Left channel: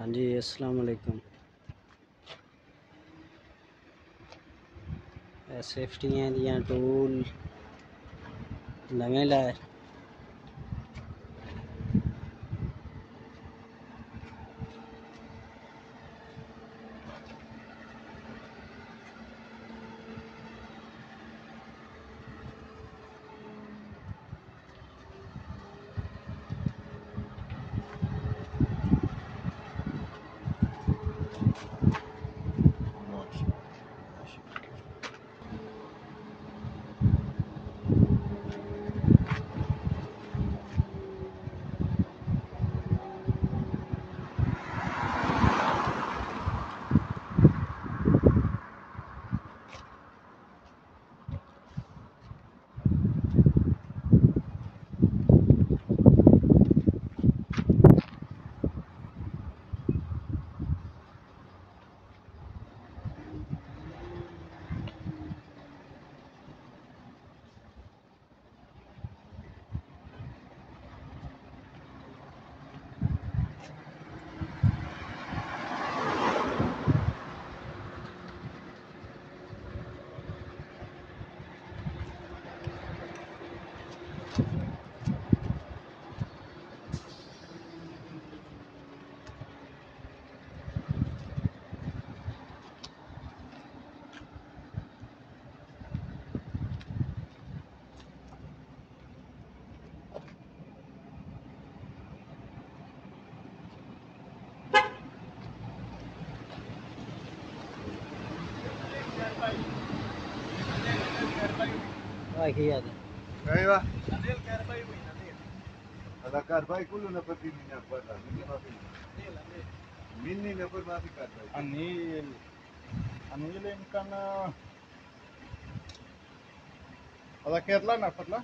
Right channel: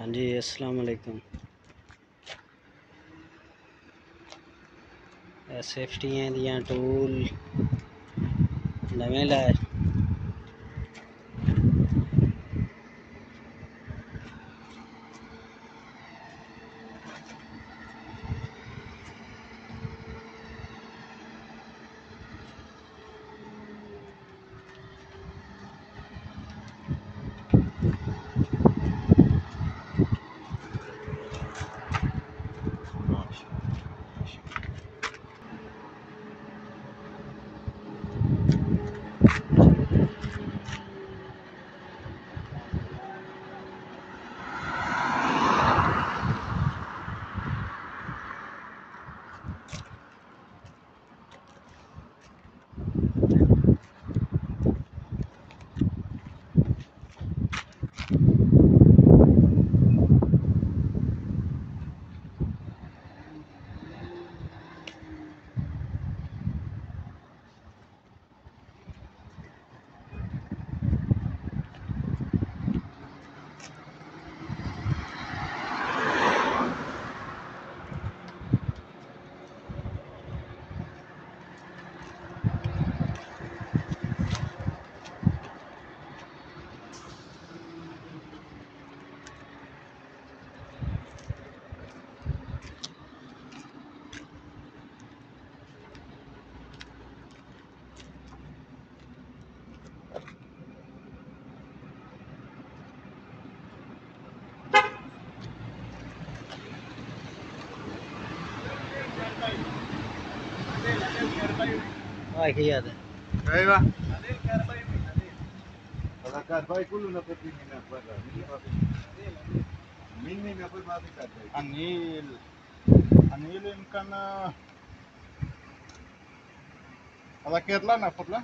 हाँ जी, अस्सलाम वालेकुम। सेफ्टियां दियां टूल नवे लाए। Iya ada. Kaiwa. Nadel karbai wi nadel. Ala karbai kulu na pati ni na para. Minni na par baati karbai. Anil imkan ala Kerala na patla.